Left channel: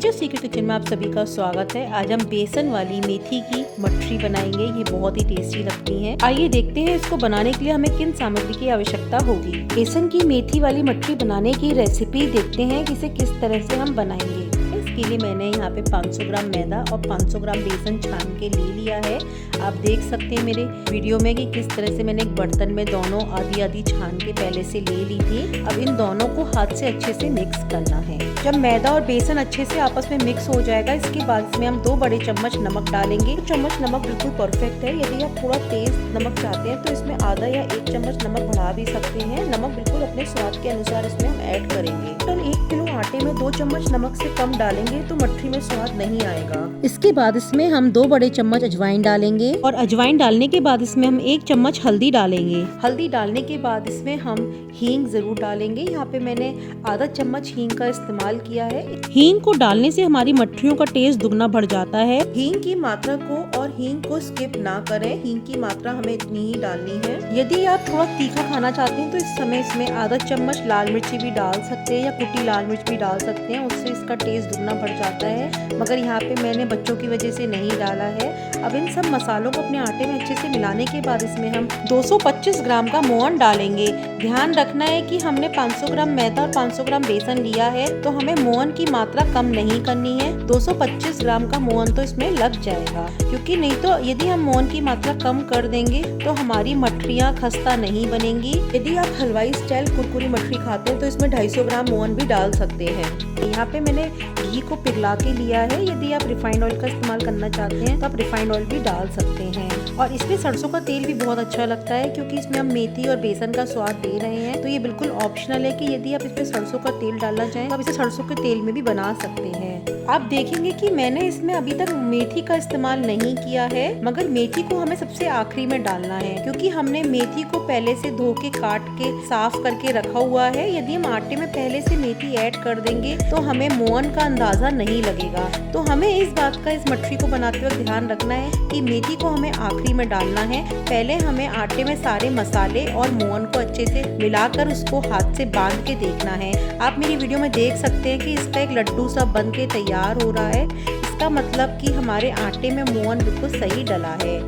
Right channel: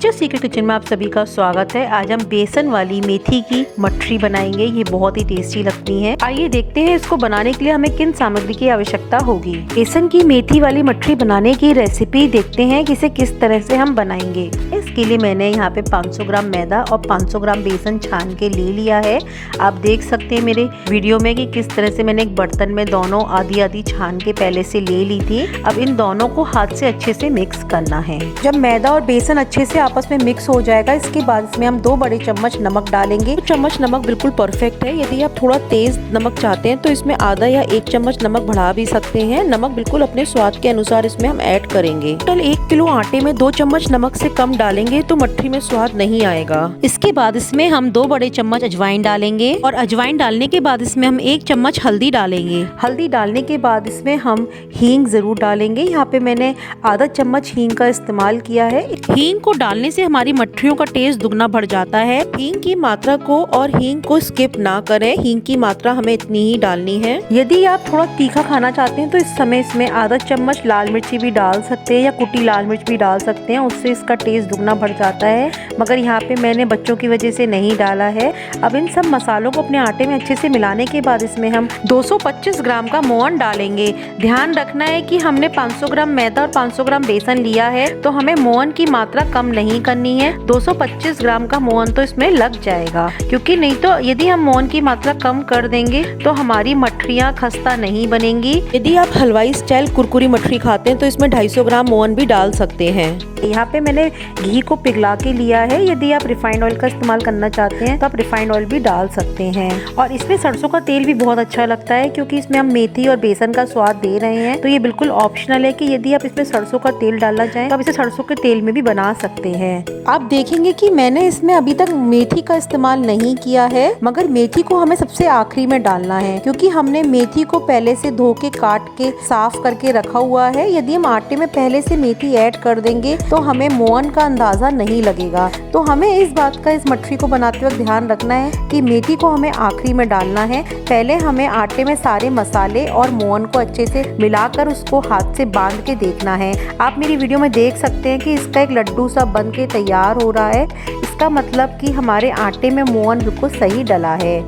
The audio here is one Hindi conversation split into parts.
नेचर सीक्रेट किचन में आप सभी का स्वागत है। आज हम बेसन वाली मेथी की मठरी बनाएंगे। ये बहुत ही टेस्टी लगती हैं। आइए देखते हैं इसको बनाने के लिए हमें किन सामग्री की आवश्यकता होगी। बेसन की मेथी वाली मठरी बनाने की रेसिपी देखते हैं कि इसे किस तरह से हम बनाएंगे। इसके लिए मैंने यहाँ पे 500 ग्राम मैदा और 500 ग्राम बेसन छान के ले लिया है। आप देख सकते हैं मेरे वीडियो में कि किस तरह से मैंने एक बर्तन में दोनों आधी आधी छान के पहले से ले ली थी। अब इन दोनों को हाथ से अच्छे से मिक्स करना है। जब मैदा और बेसन अच्छे से आपस में मिक्स हो जाएगा, इसके बाद इसमें हम 2 बड़े चम्मच नमक डालेंगे। चम्मच नमक बिल्कुल परफेक्ट है। यदि आप थोड़ा तेज नमक चाहते हैं तो इसमें आधा या 1 चम्मच नमक बढ़ा भी सकते हैं। नमक बिल्कुल अपने स्वाद के अनुसार इसमें हम ऐड करेंगे। टोटल 1 किलो आटे में 2 चम्मच नमक से कम डालेंगे तो मठरी में स्वाद नहीं आएगा। इसके बाद इसमें हम 2 बड़े चम्मच अजवाइन डालेंगे और अजवाइन डालने के बाद इसमें हम 1 चम्मच हल्दी डालेंगे। हल्दी डालने के बाद इसमें हम हींग जरूर डालेंगे। यहाँ पे मैंने आधा चम्मच हींग का इस्तेमाल किया है। हींग को डालने से हमारी मठरियों का टेस्ट दुगना बढ़ जाता है। हींग की मात्रा को और हींग को स्किप ना करें। हींग की मात्रा हमें इतनी ही डालनी है। यदि आप थोड़ा तीखा खाना चाहते हैं तो इस समय इसमें आधा चम्मच लाल मिर्ची भी डाल सकते हैं या कुटी लाल मिर्च भी डाल सकते हैं। उससे इसका टेस्ट दुगना बढ़ जाता है, मगर यहाँ पे मैंने बच्चों की वजह से नहीं डाला है। अब इन सब मसालों को अपने आटे में अच्छे से मिलाने के बाद इसमें हम 225 ग्राम का मोहन डालेंगे। ध्यान रखना है कि हमने 500 ग्राम मैदा और 500 ग्राम बेसन लिया है तो हमें मोहन की मात्रा कम नहीं करनी है। 225 ग्राम का मोहन तो इसमें लग जाएगा, क्योंकि नहीं तो यदि हम मोहन की मात्रा कम कर देंगे तो हमारी मठरियाँ खस्ता नहीं बनेंगी। यदि आप हलवाई स्टाइल कुरकुरी मठरी खाते हैं तो इसमें 250 ग्राम मोहन भी डाल सकते हैं। यहाँ पे मैंने घी को पिघला के लिया है। यदि आप रिफाइंड ऑयल का इस्तेमाल करना चाहते हैं तो आप रिफाइंड ऑयल भी डाल सकते हैं। और इसमें सरसों का तेल भी बहुत अच्छा लगता है, क्योंकि इसमें हम मेथी और बेसन का स्वाद दे रहे हैं। तो ये बिल्कुल ऑप्शनल है कि यदि आप इसमें सरसों का तेल डालना चाहें तो आप इसे सरसों के तेल में भी बना सकते हैं। आप देखेंगे कि मैंने इसमें अभी तक मेथी का इस्तेमाल नहीं किया है, मगर मेथी को हमें सबसे आखिरी में डालना है, क्योंकि हमने मेथी को पहले से धो के काट के साफ करके रखा हुआ है। यदि हम आटे में पहले से मेथी ऐड कर देंगे तो हमें मोहन का अंदाजा नहीं लगेगा। तो हमें इस बात का इस मठरी को बनाते वक्त ध्यान रखना है कि मेथी को हमें आखिरी में डालना है। पहले हमें आटे में सारे मसाले और मोहन को अच्छे से मिलाकर उसको हाथ से बांध के देखना है। आप मेरी वीडियो में देख सकते हैं कि इसका एक लड्डू सा बन के तैयार हो रहा है। इसका मतलब कि हमारे आटे में मोहन बिल्कुल सही डला है।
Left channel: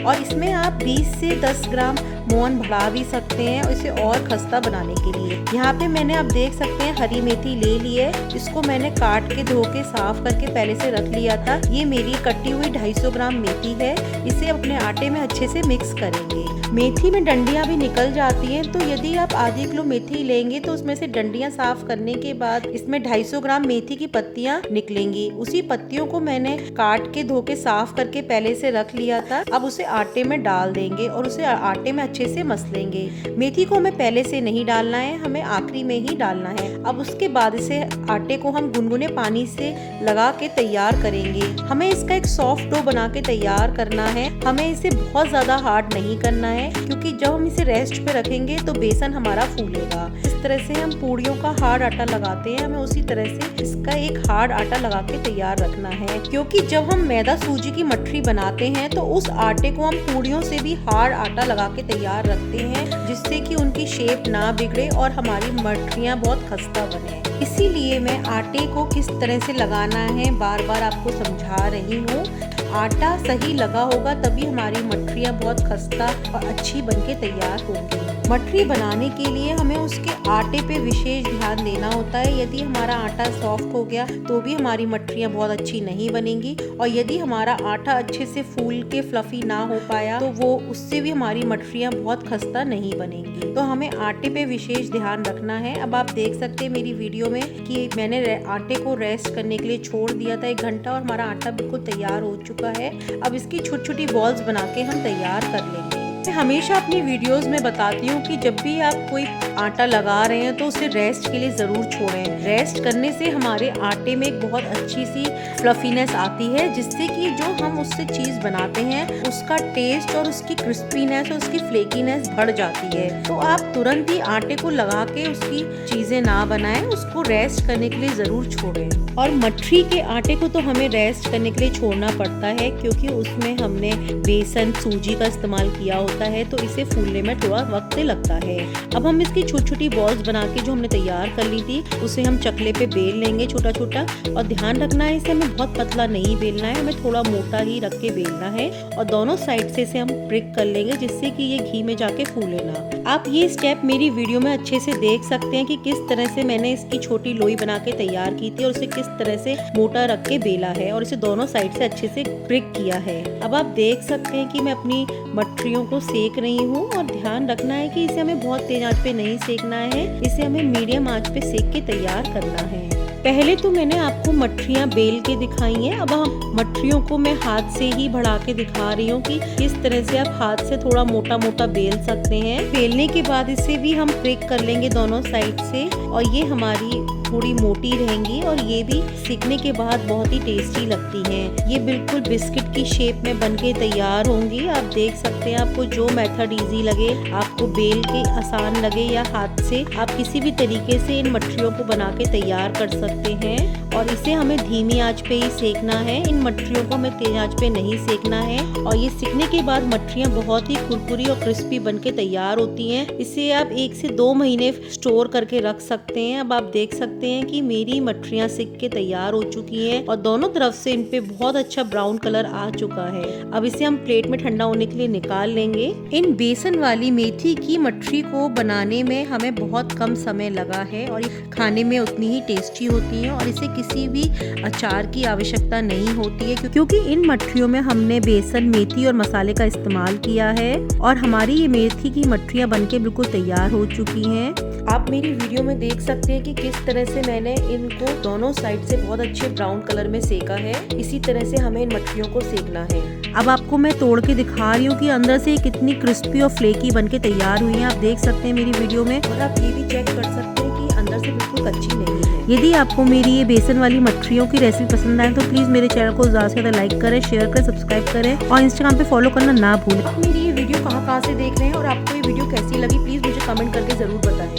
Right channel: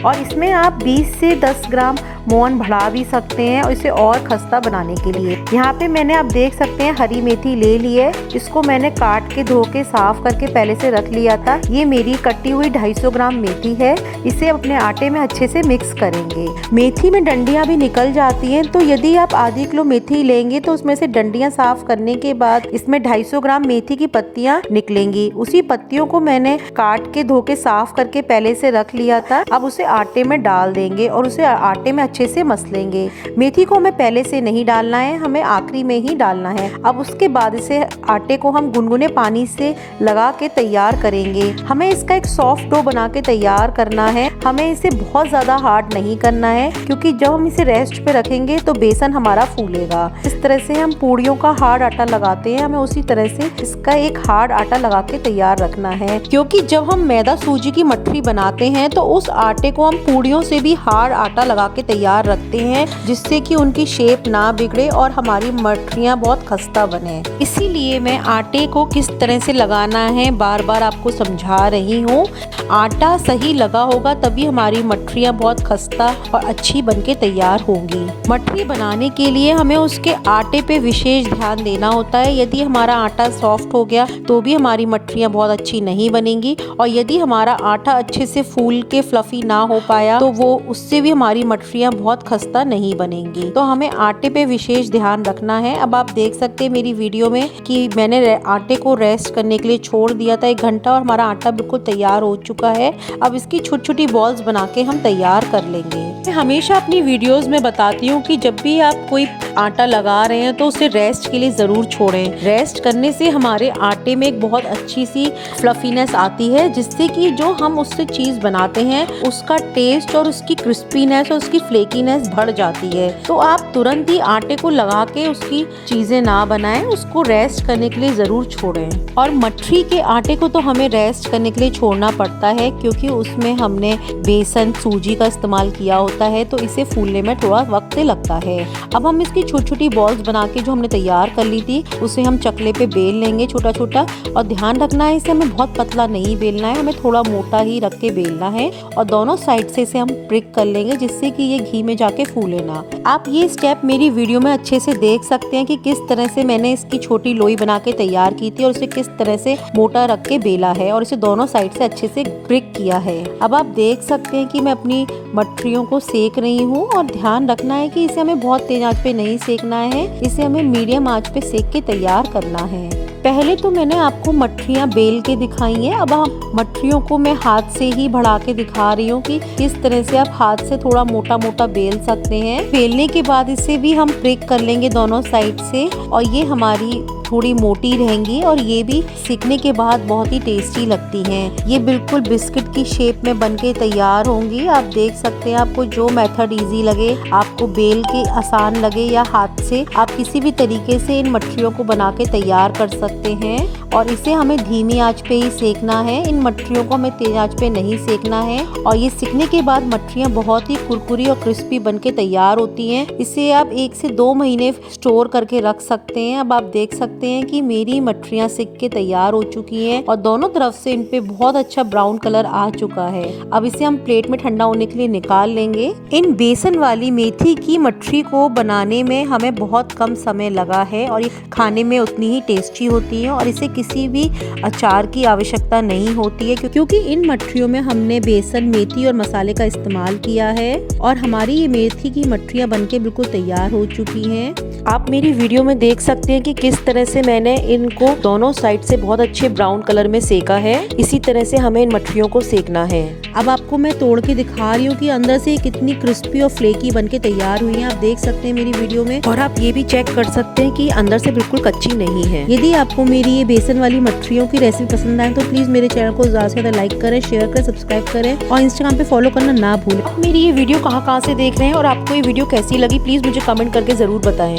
और इसमें आप 20 से 10 ग्राम मोहन बढ़ा भी सकते हैं और इसे और खस्ता बनाने के लिए। यहाँ पे मैंने आप देख सकते हैं हरी मेथी ले ली है। इसको मैंने काट के धो के साफ करके पहले से रख लिया था। ये मेरी कटी हुई 250 ग्राम मेथी है। इसे अपने आटे में अच्छे से मिक्स करेंगे। मेथी में डंडियाँ भी निकल जाती हैं, तो यदि आप आधी किलो मेथी लेंगे तो उसमें से डंडियाँ साफ करने के बाद इसमें 250 ग्राम मेथी की पत्तियाँ निकलेंगी। उसी पत्तियों को मैंने काट के धो के साफ करके पहले से रख लिया था। अब उसे आटे में डाल देंगे और उसे आटे में अच्छे से मसलेंगे। मेथी को हमें पहले से नहीं डालना है, हमें आखिरी में ही डालना है। अब उसके बाद इसे आटे को हम गुनगुने पानी से लगा के तैयार करेंगे। हमें इसका एक सॉफ्ट डो बना के तैयार करना है। हमें इसे बहुत ज्यादा हार्ड नहीं करना है, क्योंकि जब हम इसे रेस्ट पे रखेंगे तो बेसन हमारा फूलेगा। इस तरह से हम पूड़ियों का हार्ड आटा लगाते हैं, हमें उसी तरह से इसका एक हार्ड आटा लगा के तैयार रखना है। क्योंकि जब हम मैदा सूजी की मठरी बनाते हैं तो उस आटे को हम पूड़ियों से भी हार्ड आटा लगा के तैयार रखते हैं, जिससे कि उनकी शेप ना बिगड़े और हमारी मठरियाँ बहुत खस्ता बने। इसीलिए मैं आटे को किस तरह से लगाना है बार बार आपको समझा रही हूँ। आटा सही लगा होगा तभी हमारी मठरियाँ बहुत खस्ता और अच्छी बनके तैयार होंगी। मठरी बनाने के लिए हमें उसके आटे पे विशेष ध्यान देना होता है। यदि हमारा आटा सॉफ्ट हो गया तो भी हमारी मठरियाँ बहुत अच्छी नहीं बनेंगी, और यदि हमारा आटा अच्छे से फूल के फ्लफी ना हो पाया तो वो उससे भी हमारी मठरियाँ बहुत खस्ता नहीं बनेंगी। तो हमें आटे पे विशेष ध्यान रखना है। अब आप देख सकते हैं मेरी वीडियो में कि मैंने आटे को रेस्ट करने के लिए छोड़ दिया था 1 घंटा, और हमारा आटा बिल्कुल तैयार हो चुका है। अब इसकी छोटी छोटी बॉल्स बना के हम तैयार कर लेंगे। मैं हमेशा अपनी वीडियोस में बताती हूँ कि जब भी आप कोई आटा लगा रहे हैं तो उसे रेस्ट के लिए ज़रूर छोड़ें। रेस्ट करने से हमारे आटे में एक बहुत अच्छी सी फ्लफीनेस आती है, जिससे कि जो हम उससे चीज़ बनाते हैं उसका टेस्ट और उसकी क्रिस्पीनेस और उसकी फ्लेकीनेस बढ़ जाती है। तो आप तुरंत ही आटे को लगा के उसकी चीजें ना बनाएं, उसको रेस्ट करने के लिए जरूर छोड़ें। और मठरी के आटे को तो हमें रेस्ट करने के लिए छोड़ना पड़ता है, क्योंकि उसमें हमने बेसन सूजी का इस्तेमाल किया होता है, तो इसे फूलने में थोड़ा वक्त लगता है। अब हम इसकी छोटी छोटी बॉल्स बना के जो हमने तैयार कर ली थी उसे हम चकले पे बेल लेंगे छोटा छोटा। और ध्यान रखना है, इसे हमें बहुत पतला नहीं बेलना है, हमें थोड़ा मोटा ही रख के बेलना है। और दोनों साइड से इसे हम प्रिक कर लेंगे, जिससे कि ये घी में जाके फूले ना। आप ये स्टेप मेरी वीडियो में अच्छे से देख सकते हैं कि किस तरह से मैंने इसकी छोटी लोई बना के तैयार की थी और उसे किस तरह से मोटा रख के बेला है और इसे दोनों साइड से अच्छे से प्रिक किया है। अब आप देख सकते हैं कि मैं अपनी मठरियों को सेक रही हूँ। और ध्यान रखना है कि इसे हमें बहुत तेज आंच पे नहीं सेकना है, इसे हमें मीडियम आंच पे सेक के तैयार करना है। पहले तो मैंने आपको मठरियाँ बेल के दिखाई हैं, अब हम मठरियों को मैं हाथ से ही बढ़ा के दिखा रही हूँ कि किस तरह से आप हाथ से थोड़ा मोटा मोटा बेल सकते हैं। बेलने के बाद इसे भी हम प्रिक कर लेंगे दोनों साइड से, और ये हमारी थोड़ी मोटी रहेंगी और ये भी सेकने के बाद बहुत ही टेस्टी लगती हैं। ये बिल्कुल बिस्किट की शेप में बनके तैयार होंगी। आप देख सकते हैं, आपको जो मेथड इजी लगे, आपको बेल के आसान लगे या हाथ से, आप किसी भी तरीके से इन मठरियों को बना के तैयार कर सकते हैं। और इसे हमें धीमी आंच पे ही सेकना है, इन मठरियों को हमें तेज आंच पे नहीं सेकना है। और ये सेकने के बाद मठरियाँ बहुत ही कुरकुरी और क्रिस्पी बनके तैयार होती हैं। इसे आप 1 से 2 महीने स्टोर करके रख सकते हैं। अब आप देख सकते हैं कि मेरी मठरियाँ सेक के तैयार हो चुकी हैं और दोनों तरफ से इन पे बहुत अच्छा ब्राउन कलर आ चुका है। अब इसे हम प्लेट में ठंडा होने के लिए निकाल लेंगे। इन बेसन वाली मेथी की मठरी को बनाने में हमें बहुत कम समय लगा है और ये खाने में उतनी ही टेस्टी होती है। और इसे किसी भी अचार की आवश्यकता नहीं होती है, क्योंकि इन मठरियों में हमने बेसन, मेथी और मसाले का इस्तेमाल किया है। और हमारी ये मेथी की मठरियाँ बनके बिल्कुल तैयार हो चुकी हैं। आप मेरी वीडियो में देख सकते हैं कि किस तरह से मैंने इनको दोनों साइड से बहुत अच्छे ब्राउन कलर में सेका है। इसी तरह से हमें इन मठरियों को सेकना है। अब आपको मैं तोड़ के दिखा रही हूँ कि अंदर से कितनी क्रिस्पी और फ्लेकी बनके तैयार हुई है। आप देख सकते हैं मेरी वीडियो में, और आप ये भी चेक कर सकते हैं कि अंदर से बिल्कुल कच्ची नहीं है। यदि आपको मेरी ये बेसन वाली मठरियों की रेसिपी पसंद आए तो प्लीज मेरे चैनल को ज्यादा से ज्यादा लाइक करें, शेयर करें, सब्सक्राइब करें और इंस्टाग्राम पे फॉलो करना ना भूलें। आप मेरी ये वीडियो कहाँ से देख रहे हैं और आपको ये वीडियो कैसी लगी, प्लीज मुझे कमेंट करके जरूर बताएं।